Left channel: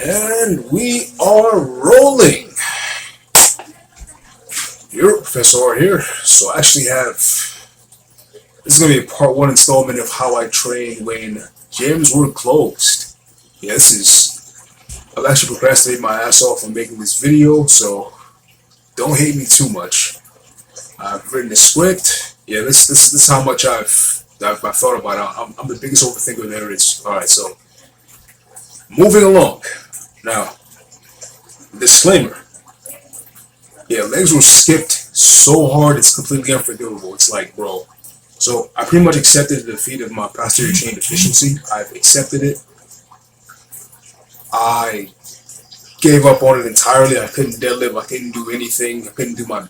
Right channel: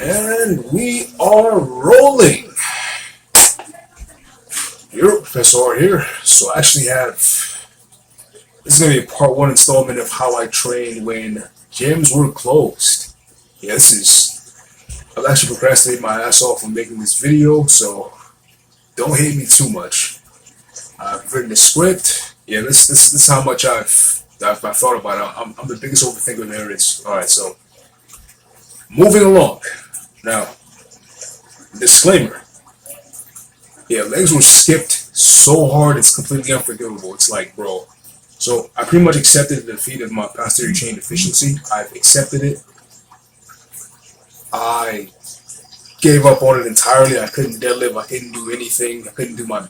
And we are rolling. Your Professor here. So I actually have this is gonna be a part one installment of how I trained when gyms were closed. Yeah, this is I've actually procrastinated my ass off on making this video, so don't hate me too much. I've written the script. Yeah, this is how much I've thought about it. I'm the biggest overthinker there is. All right, so moving along. Now, disclaimer. Yeah, legs were skipped so hard it's completely unforgivable. It's like, bro. So I pretty much accepted the defeat of my posterior chain deficiency. I've accepted it. I gave up on it entirely. I couldn't deadlift. I couldn't do anything. I couldn't do my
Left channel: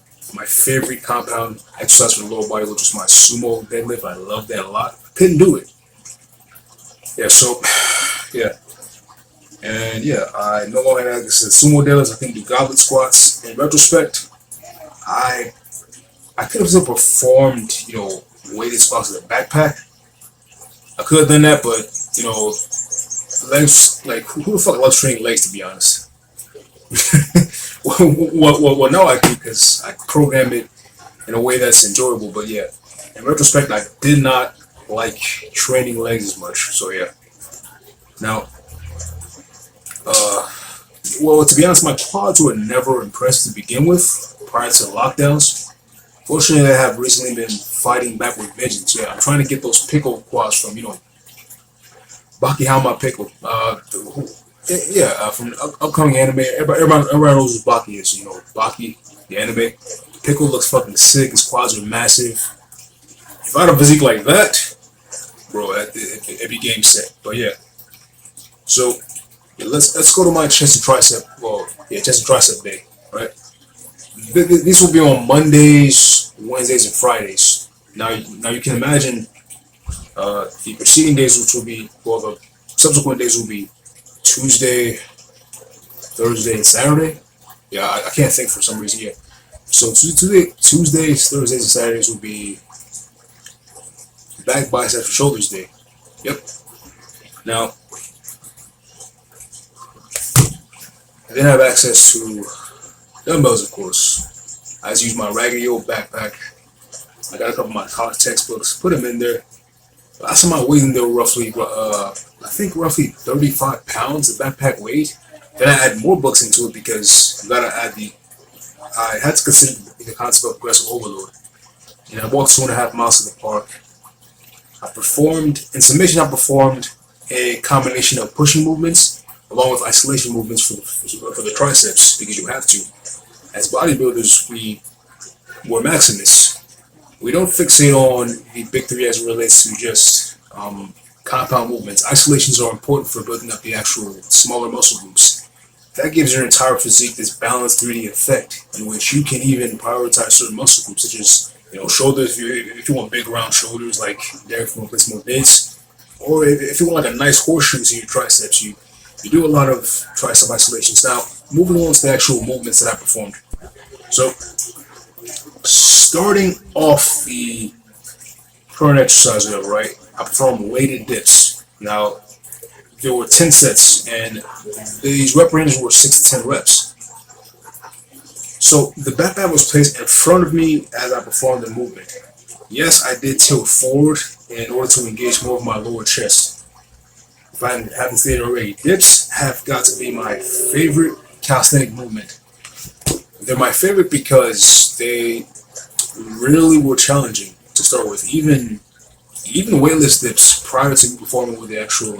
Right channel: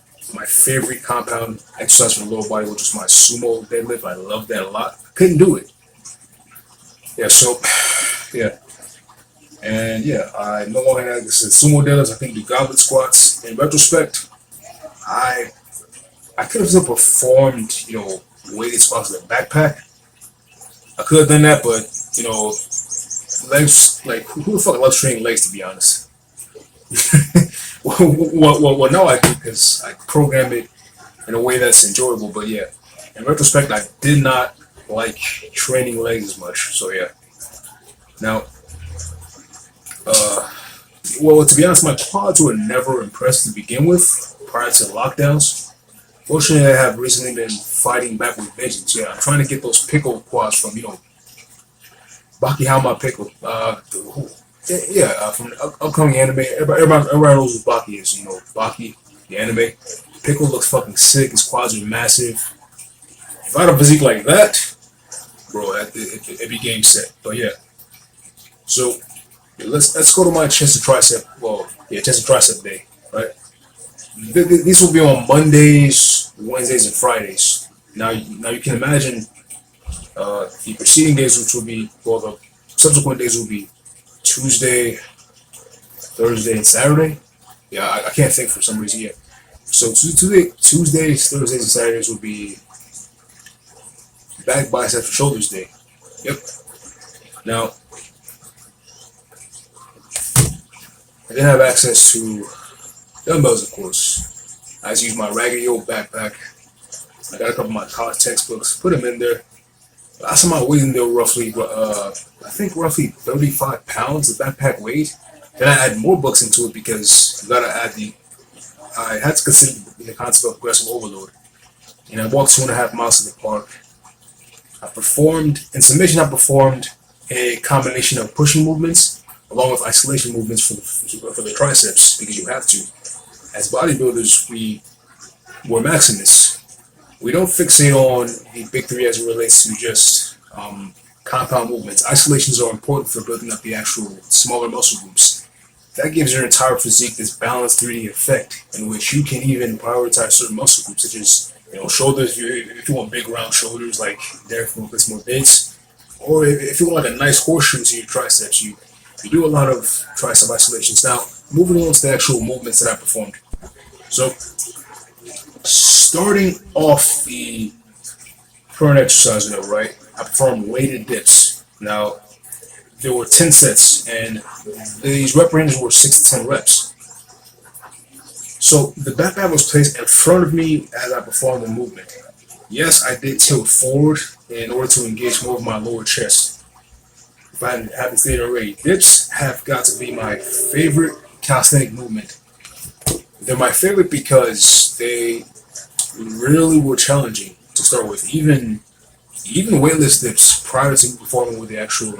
favorite compound exercise for the lower body, which was my sumo deadlift. I love that a lot. I couldn't do it. Yeah, so yeah. And yeah, I no longer had this sumo deadlifts. I couldn't do goblet squats. In retrospect, I could have still performed, weighted squats with a backpack. I could have done that, but legs, like who the fuck loves training legs, to be honest? well, now I do because I program it in a way that's enjoyable. But yeah, in retrospect, I did not like training legs as much. So yeah. Now, well, to be honest, my quads were never impressed to begin with prior to lockdowns. Fortunately, I have recently been fighting back with vengeance. Yeah, I'm trying to get those pickle quads from, Baki Hama Pickle. From the upcoming anime. Everybody knows who Baki is. Baki, the anime. Pickle looks fucking sick. His quads are massive. If I had a physique like that, bro, it'd be game set. But yeah. So, yeah, let's go to my chest and tricep. Well, yeah, chest and tricep day, right? These will be on Mondays, Wednesdays, and Fridays. Now you can imagine the preceding days, which will be, well, the subsequent days will be Tuesday, Thursday, and Saturday. Yeah, I can't think for some reason yet. So Tuesdays, Thursdays, and Saturdays will be back, biceps, and shoulders day. Yep. Now, I didn't have access to dumbbells, of course. I just used my raggedy old backpack. I got a couple of my college textbooks, put them in there. Last time I weighed in there roughly, roughly 35 pounds the backpack weighed. Then I add more books into it because I had to consider the concept of progressive overload. And I walked 2.5 miles to the park. In summation, I performed a combination of pushing movements along with isolation movements for the triceps, because you have to. As bodybuilders, we're Maximus. We don't fixate on the big three as it relates to just compound movements. Isolations are important for building up the actual smaller muscle groups. That gives your entire physique this balanced 3D effect in which you can even prioritize certain muscle groups, such as shoulders. If you want big round shoulders like Derek from Place More Bids, or if you want like a nice horseshoe to your triceps, you do a lot of tricep isolations. Now, moving on to the actual movements that I performed. So, starting off the current exercise level, right? I performed weighted dips. Now, there were 10 sets, and these rep ranges were 6 to 10 reps. So, the backpack was placed in front of me as I performed the movement. Yes, I did tilt forward in order to engage more of my lower chest. If I haven't stated already, dips have got to be my favorite calisthenic movement. They're my favorite because they really were challenging to start with. Even weightless dips prior to performing with the actual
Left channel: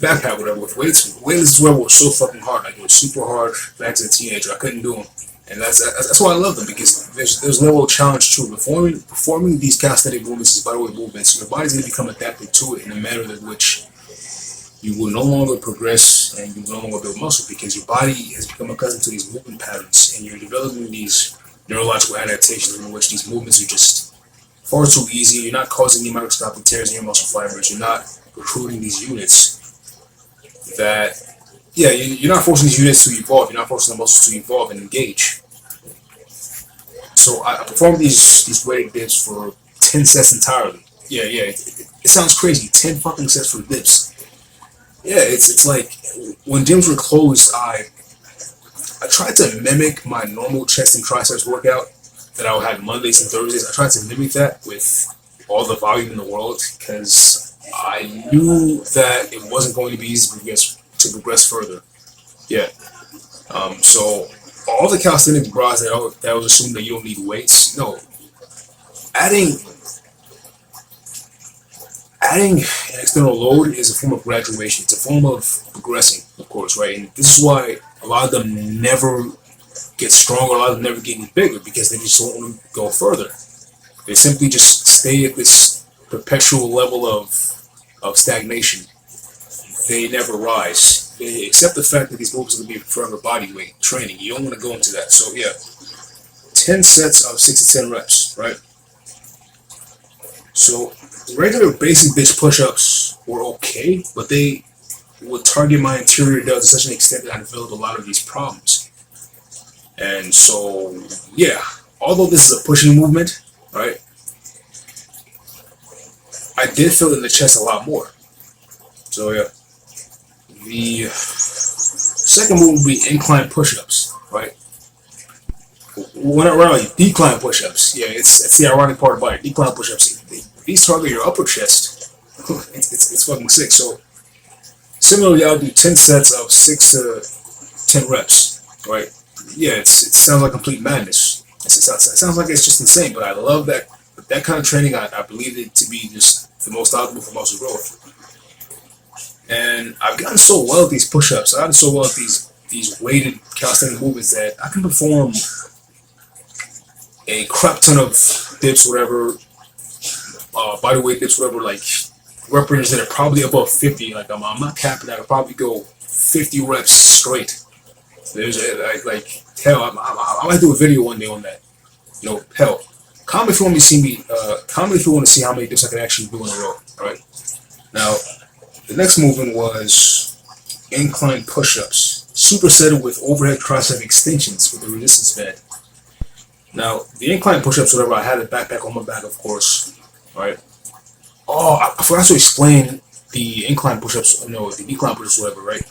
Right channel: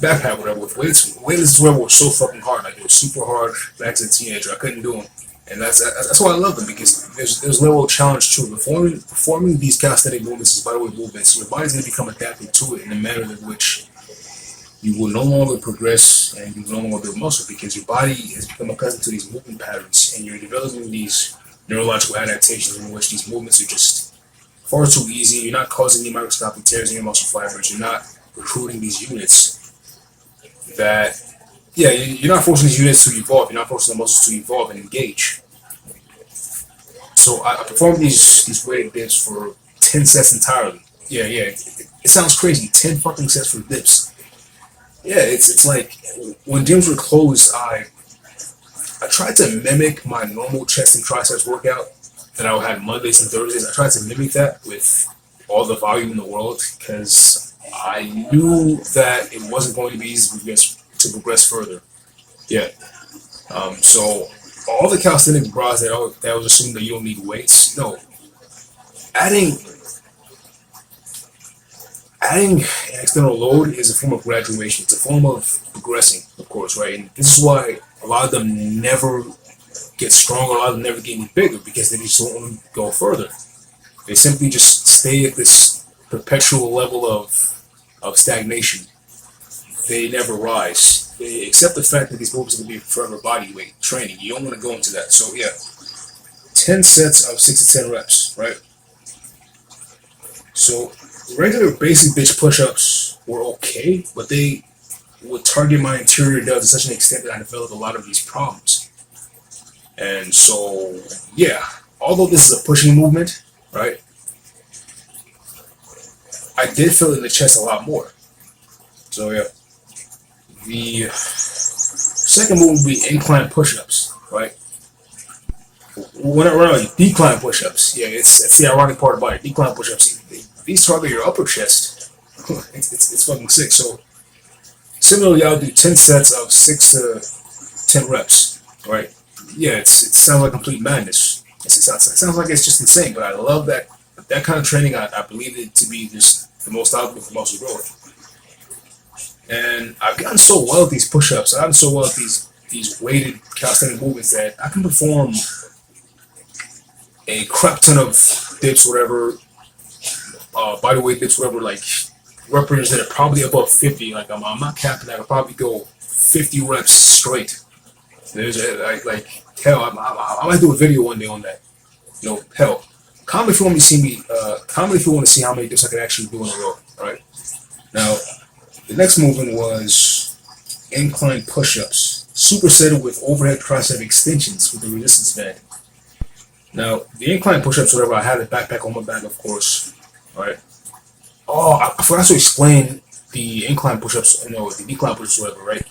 backpack, whatever, with weights. Weightless were so fucking hard. Like, it was super hard back as a teenager. I couldn't do them. And that's why I love them, because there's a level of challenge to it. Performing these calisthenic movements, these bodyweight movements, your body's going to become adapted to it in a manner in which you will no longer progress and you will no longer build muscle, because your body has become accustomed to these movement patterns, and you're developing these neurological adaptations in which these movements are just far too easy. You're not causing any microscopic tears in your muscle fibers. You're not recruiting these units that you're not forcing these units to evolve. You're not forcing the muscles to evolve and engage. So I performed these weighted dips for 10 sets entirely. Yeah. It sounds crazy. 10 fucking sets for dips. yeah, it's like when gyms were closed, I tried to mimic my normal chest and triceps workout that I would have Mondays and Thursdays. I tried to mimic that with all the volume in the world because I knew that it wasn't going to be easy to progress further. Yeah. So all the calisthenic bras that was assuming that you don't need weights. No, adding adding an external load is a form of graduation. It's a form of progressing, of course, right? And this is why a lot of them never get stronger. A lot of them never get any bigger because they just don't want to go further. They simply just stay at this perpetual level of stagnation. They never rise. They accept the fact that these movements are going to be forever body weight training. You don't want to go into that. So yeah, 10 sets of 6 to 10 reps, right? So regular basic bitch push-ups were okay, but they would target my interior delts to such an extent that I developed a lot of these problems. And so yeah, although this is a pushing movement, right? I did feel it in the chest a lot more. So yeah, the second move would be incline push-ups, right? When I decline push-ups, yeah, it's the ironic part about it. Decline push-ups, these target your upper chest. It's fucking sick. So similarly, I'll do 10 sets of 6 to 10 reps, right? Yeah, it sounds like complete madness. It sounds like it's just insane, but I love that kind of training. I believe it to be just the most optimal for muscle growth. And I've gotten so well at these push-ups. I've gotten so well at these weighted calisthenic movements that I can perform a crap ton of dips, whatever, body weight dips, whatever, like reps that are probably above 50. Like I'm not capping that. I could probably go 50 reps straight. There's like hell. I might do a video one day on that. You know, hell. Comment if you want me to see me. Comment if you want to see how many dips I can actually do in a row. All right. Now, the next movement was incline push-ups, supersetted with overhead tricep extensions with the resistance band. Now, the incline push-ups, whatever, I had the backpack on my back, of course, right? Oh, I forgot to explain the incline push-ups, the decline push-ups, whatever, right?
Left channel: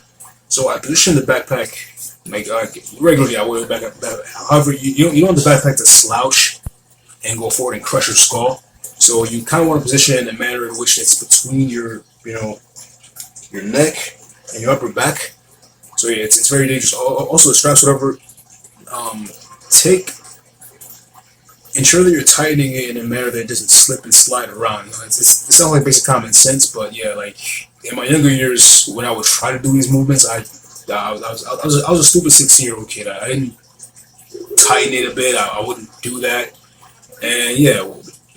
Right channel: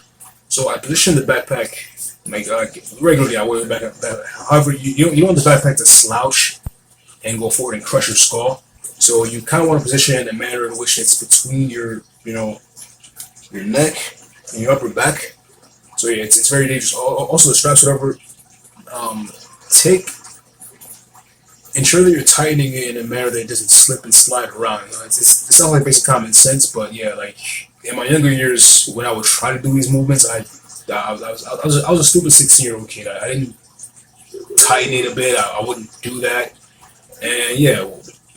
So I positioned the backpack, like regularly I wear the backpack. However, you don't want the backpack to slouch and go forward and crush your skull. So you kind of want to position it in a manner in which it's between your neck and your upper back. So yeah, it's very dangerous. Also, the straps, whatever, ensure that you're tightening it in a manner that it doesn't slip and slide around. It sounds like basic common sense, but yeah, like in my younger years, when I would try to do these movements, I was a stupid 16-year-old kid. I didn't tighten it a bit. I wouldn't do that. And yeah,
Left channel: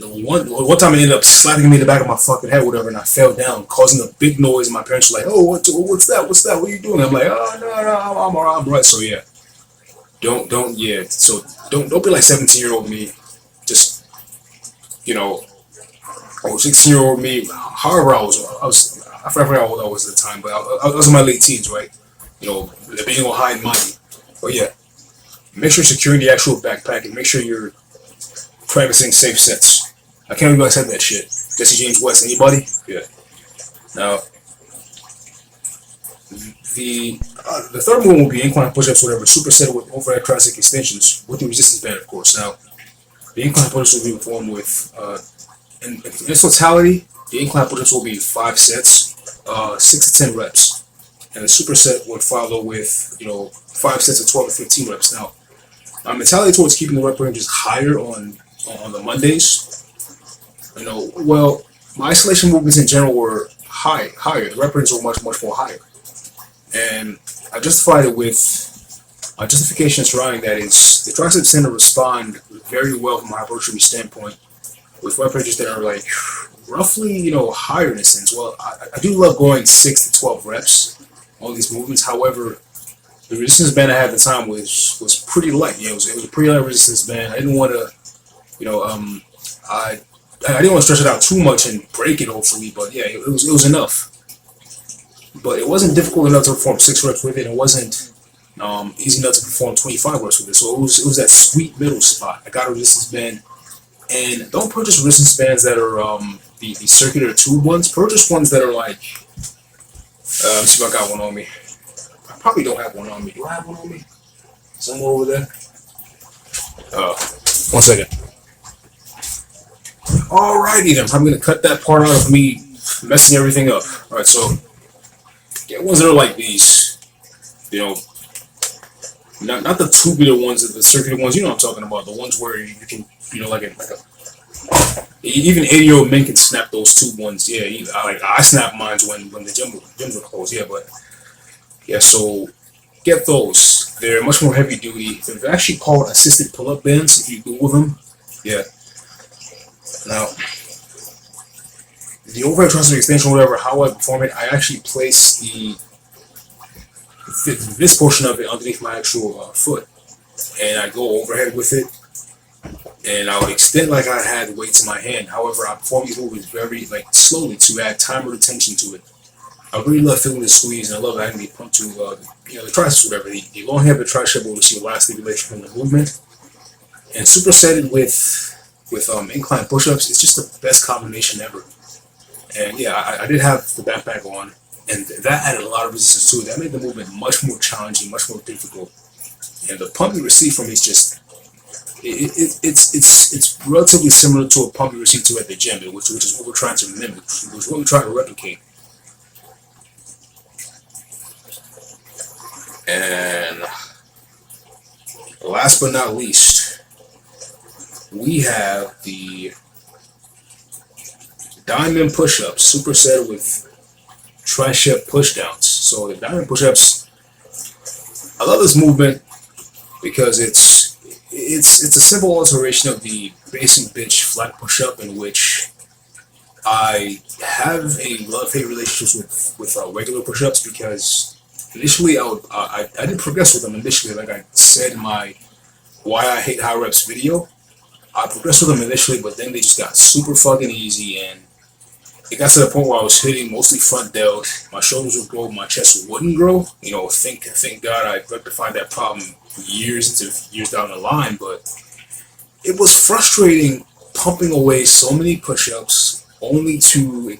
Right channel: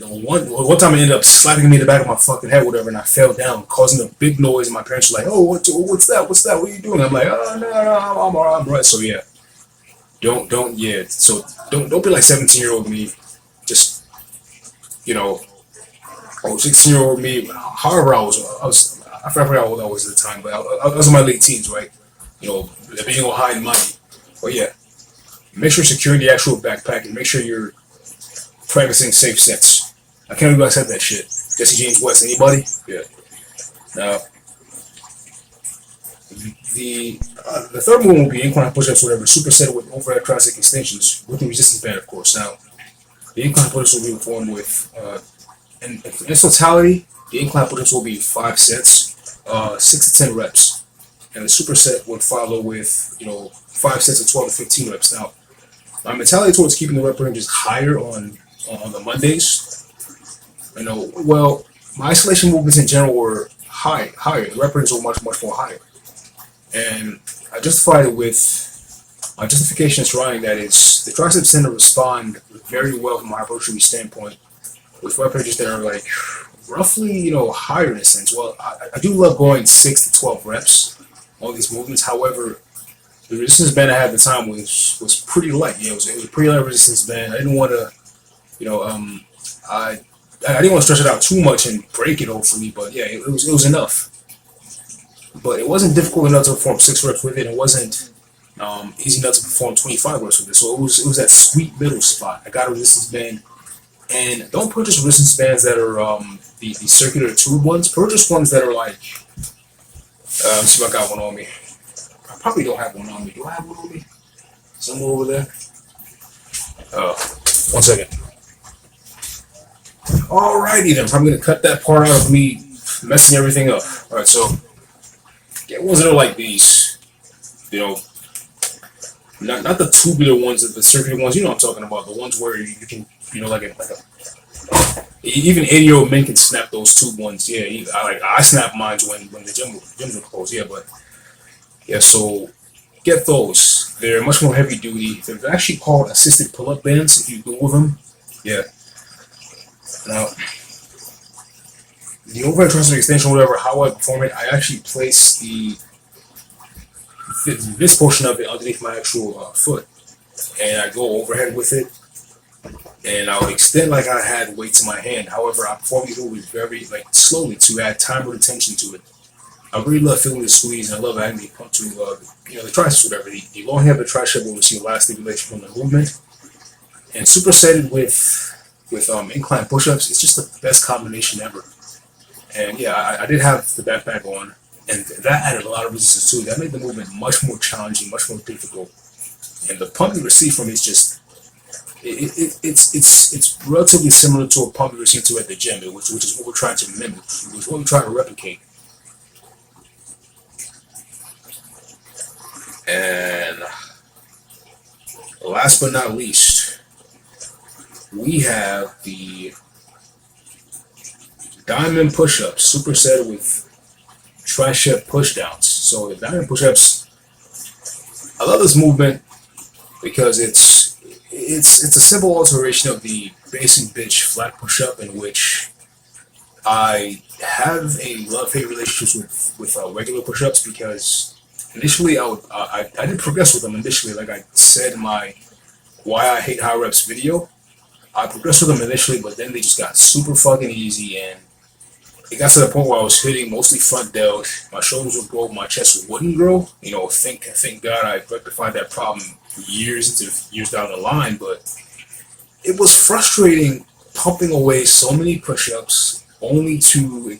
one time it ended up slapping me in the back of my fucking head, whatever, and I fell down, causing a big noise. And my parents were like, "Oh, what's that? What's that? What are you doing?" I'm like, "Oh no, I'm alright, I'm right." So yeah, don't be like 17-year-old me. Just 16-year-old me. However, I forgot how old I was at the time, but I was in my late teens, right? Being all high and mighty. But yeah, make sure you're securing the actual backpack and make sure you're practicing safe sets. I can't believe I said that shit. Jesse James West, anybody? Yeah. Now, the third one will be incline push-ups, whatever, supersetted with overhead tricep extensions with the resistance band, of course. Now, the incline push-ups will be performed with, in totality, the incline push-ups will be 5 sets, 6 to 10 reps. And the superset would follow with, 5 sets of 12 to 15 reps. Now, my mentality towards keeping the rep ranges higher on the Mondays, my isolation movements in general were higher. The rep ranges were much, much more higher. And I justified it with my justification surrounding that is the triceps tend to respond very well from a hypertrophy standpoint with rep ranges that are like roughly, higher in a sense. Well, I do love going 6 to 12 reps on these movements. However, the resistance band I had at the time was pretty light. Yeah, it was a pretty light resistance band. I didn't want to, I didn't want to stretch it out too much and break it hopefully, but yeah, it was enough. But it wasn't difficult enough to perform 6 reps with it. It wasn't easy enough to perform 25 reps with it. So it was that sweet middle spot. I got a resistance band, and don't purchase resistance bands that are the circular tube ones. Purchase ones that are like See if I got one on me. I probably don't have one on me. Do I have one on me? Somewhere over there? Uh, 1 second. Alrighty then. I'm gonna cut that part out of me messing everything up. Alright, so get ones that are like these. You know, not the tubular ones, the circular ones. You know what I'm talking about. The ones where you can, even 80-year-old men can snap those tube ones. Yeah, I snap mine when the gyms are closed. Yeah, but yeah, so get those. They're much more heavy duty. They're actually called assisted pull-up bands if you Google them. Yeah. Now, the overhead tricep extension, whatever, how I perform it, I actually place this portion of it underneath my actual foot, and I go overhead with it, and I would extend like I had weights in my hand. However, I perform these movements very slowly to add time or attention to it. I really love feeling the squeeze, and I love adding the pump to the triceps, whatever. The long head of the tricep will receive a lot of stimulation from the movement, and supersetted with incline push-ups. It's just the best combination ever. And yeah, I did have the backpack on, and that added a lot of resistance to it. That made the movement much more challenging, much more difficult. And the pump you receive from it is just it's relatively similar to a pump you receive to at the gym, which is what we're trying to mimic, which is what we're trying to replicate. And last but not least, we have the diamond push-ups, superset with tricep pushdowns. So the diamond push-ups, I love this movement because it's a simple alteration of the basic bitch flat push-up, in which I have a love-hate relationship with regular push-ups, because initially I did progress with them initially, like I said in my why I hate high reps video. I progressed with them initially, but then they just got super fucking easy, and it got to the point where I was hitting mostly front delt. My shoulders would grow, my chest wouldn't grow. Thank God I rectified that problem years down the line. But it was frustrating pumping away so many push-ups only to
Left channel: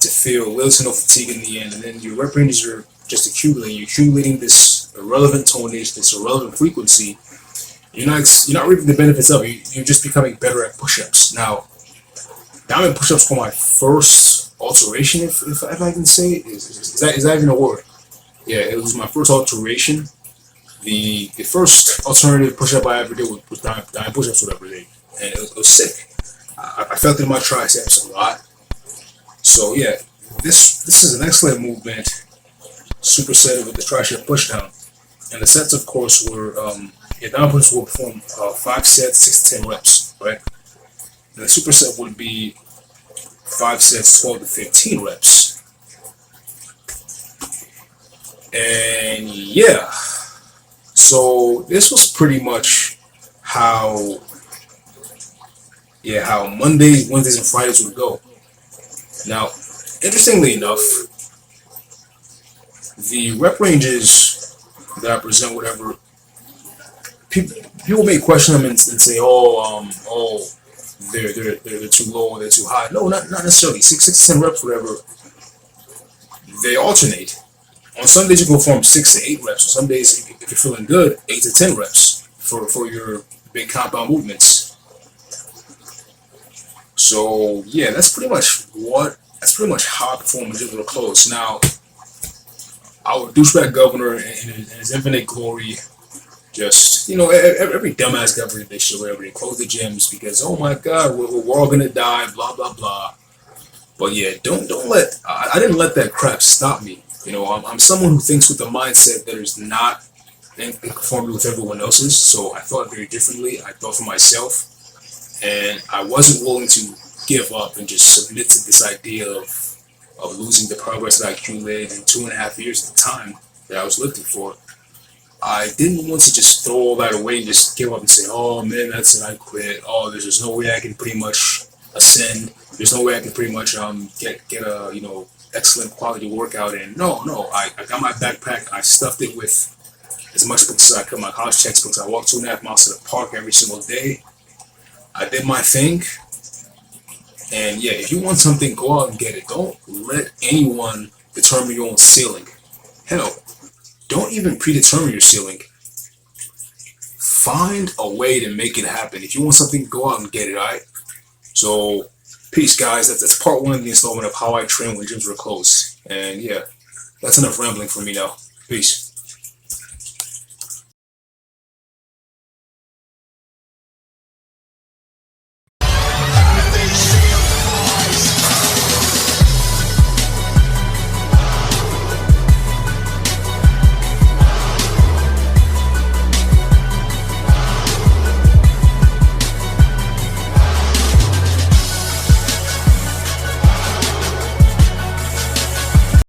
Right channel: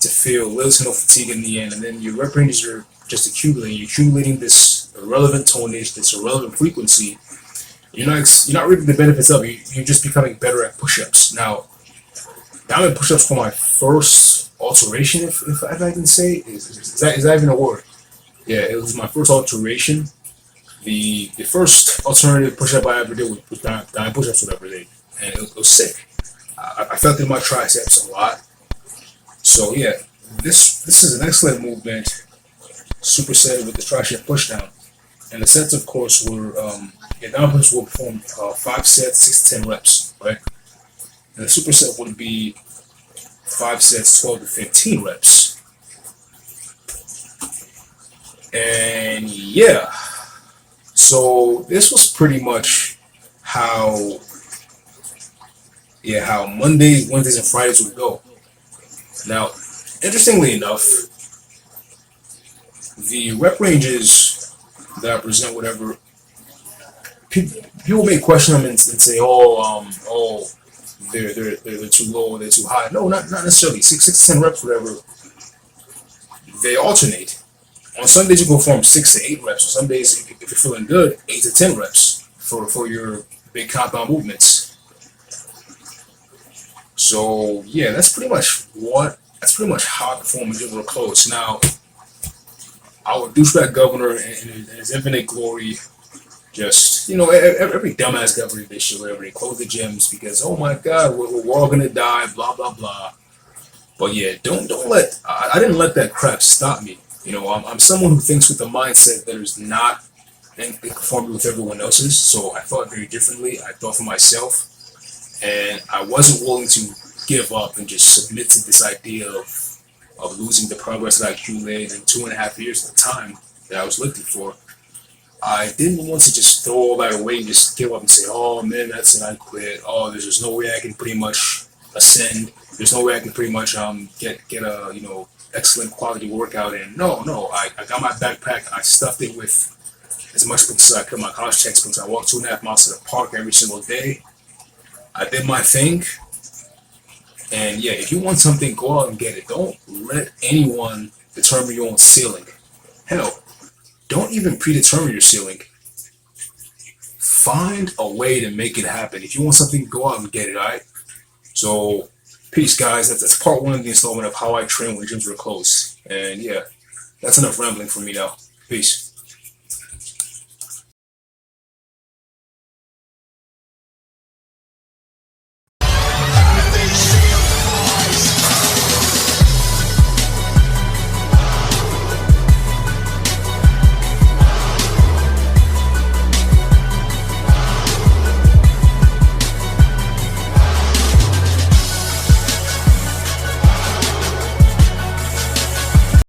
feel little to no fatigue in the end, and then your rep ranges are just accumulating. You're accumulating this irrelevant tonnage, this irrelevant frequency. You're not reaping the benefits of it. You're just becoming better at push-ups. Now, diamond push-ups were my first alteration, if I can say. Is that even a word? Yeah, it was my first alteration. The first alternative push-up I ever did was diamond push-ups, whatever they, and it was sick. I felt it in my triceps a lot. So yeah, this is an excellent movement, supersetted with the tricep pushdown. And the sets, of course, were diamond push-ups will perform 5 sets, 6 to 10 reps, right? And the superset would be 5 sets, 12 to 15 reps. And yeah, so this was pretty much how Mondays, Wednesdays, and Fridays would go. Now, interestingly enough, the rep ranges that I present, whatever, people may question them and say, they're too low, they're too high. No, not necessarily. 6 to 10 reps, whatever. They alternate. On some days you can perform 6 to 8 reps. On some days, if you're feeling good, 8 to 10 reps for your big compound movements. So yeah, that's pretty much how I perform in general clothes. Now, our douchebag governor in his infinite glory, just, every dumbass governor this shit, whatever, they close the gyms because, oh my God, we're all gonna die, blah blah blah. But yeah, I didn't let that crap stop me. I'm someone who thinks with the mindset that is not in conformity with everyone else's. So I thought very differently. I thought for myself, and I wasn't willing to give up and just submit to this idea of losing the progress that I accumulated in 2.5 years at the time that I was lifting for. I didn't want to just throw all that away and just give up and say, oh man, that's it, I quit. Oh, there's just no way I can pretty much ascend. There's no way I can pretty much get a excellent quality workout in. No, I got my backpack. I stuffed it with as much books as I could, my college textbooks. I walked 2.5 miles to the park every single day. I did my thing. And yeah, if you want something, go out and get it. Don't let anyone determine your own ceiling. Hell, don't even predetermine your ceiling. Find a way to make it happen. If you want something, go out and get it, alright? So, peace, guys. That's part one of the installment of how I train when gyms were closed. And yeah, that's enough rambling for me now. Peace.